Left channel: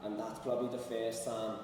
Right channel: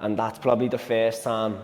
And that's probably the first time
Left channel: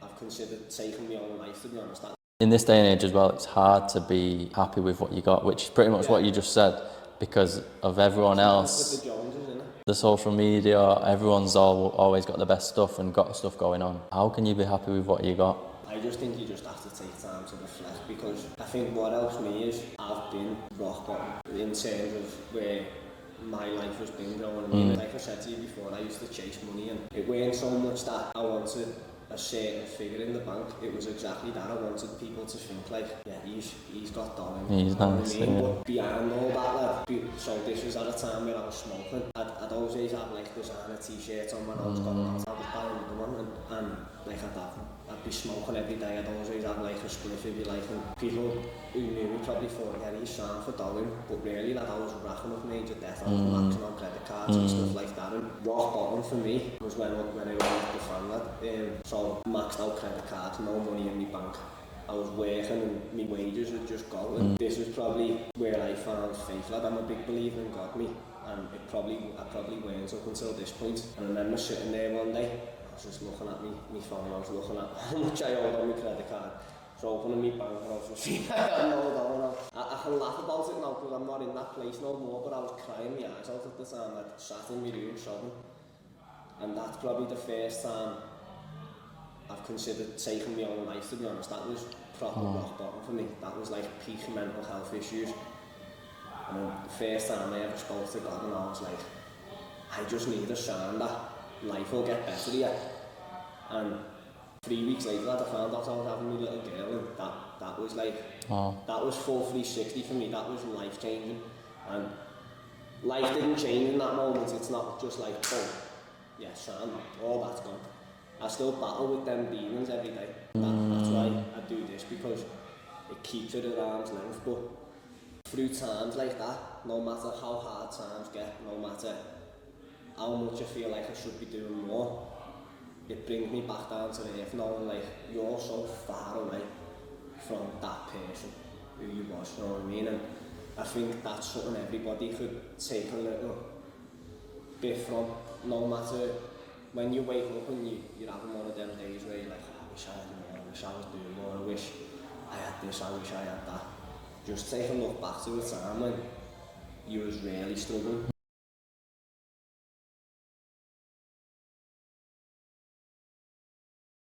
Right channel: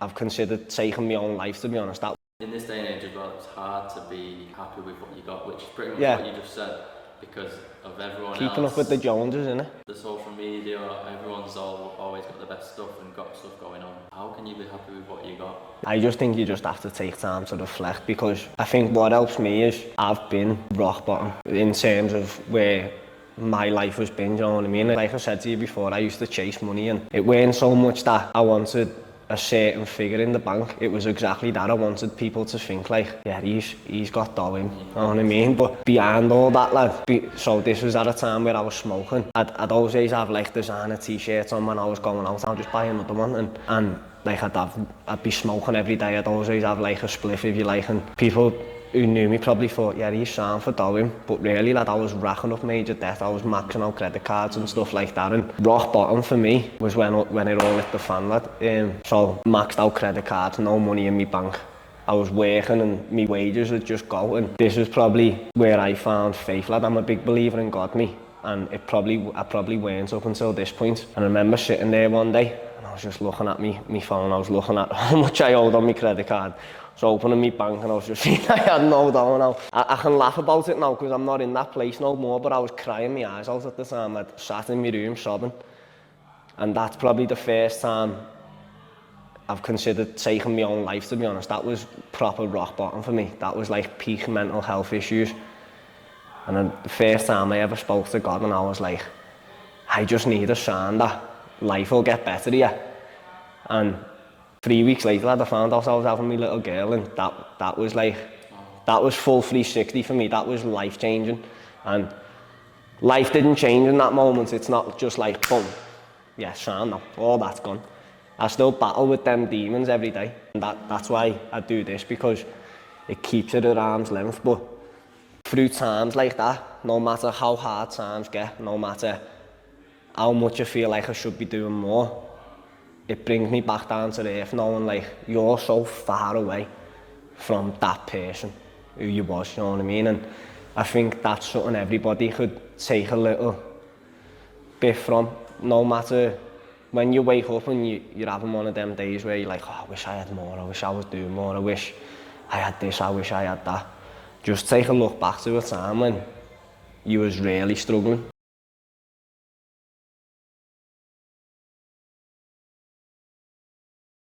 I've considered taking my own life, to be honest. In this day and age as well, it's hard to be happy with what you got, which is pretty much what you just said, because of everyone Keeping else. Up with the Joneses, innit? The social media, everyone's always got the best stuff and got stuff going on. How can you be happy with what you got? I just think you just have to take time to reflect, because I think what helps me is I've been rock bottom in terms of where my life has been, you know what I mean? Like I said to you before, I used to chase money, and it weren't so much that I wanted a certain figure in the bank. It was exactly that. I wanted people to think like, yeah, he's got dough in, you know what I mean? But behind all that, lad, so this was at a time where I was smoking. I'd always have like designer t-shirts on when I was going out. I'd just buy another one, and like I'd be smoking every day. I'd always have like a spliff, if you like, and people who knew me probably thought, yeah, he's sound for doing, but really, lad, I was racking up major debt. I was maxing out credit cards and stuff like that, and rock bottom for me was when it all hit the fan, lad. So maxed out credit cards, no money in my bank. I was working and my wages would just go, and this was probably where I found faith, lad. I'm a big believer in God, me, and I probably weren't up until this point. And I remember sitting there one day, and I was just looking at my phone. I was looking at how much I owed on my credit card. I was opening my bank and I was just seeing I had no dough now. I can laugh about it now because I'm not in that place no more, but I was crying my eyes out at the time. I'd sat in my room sobbing. And that's probably the first time I've considered taking my own life, to be honest. That was proper rock bottom for me. That was like peak mental health issues. And then the first time I ever spoke to God, and I was like, I just need a sign that life will get better here. And 3 weeks later, I found out I was having my little girl, and that was like, that was full 360 for me. That was life changing, and life didn't change in that moment. It's not just like, boom, yeah, Sean, no, all that's gone. I still battle with them demons every day. That's why I do this, because it keeps it at arm's length. But through times like that, no matter how hard times get, no matter how much I feel like I should be doing more, it brings me back down to earth, knowing like you're so far away from that person who you was, you know what I mean? And I think that's something everybody could take a little bit from, no matter when you wake up and you're having one of them days where you're like, oh, I wish I had more, I wish I was doing more, I wish I had this, I wish I had that. Just take a look back to a time when you was really struggling.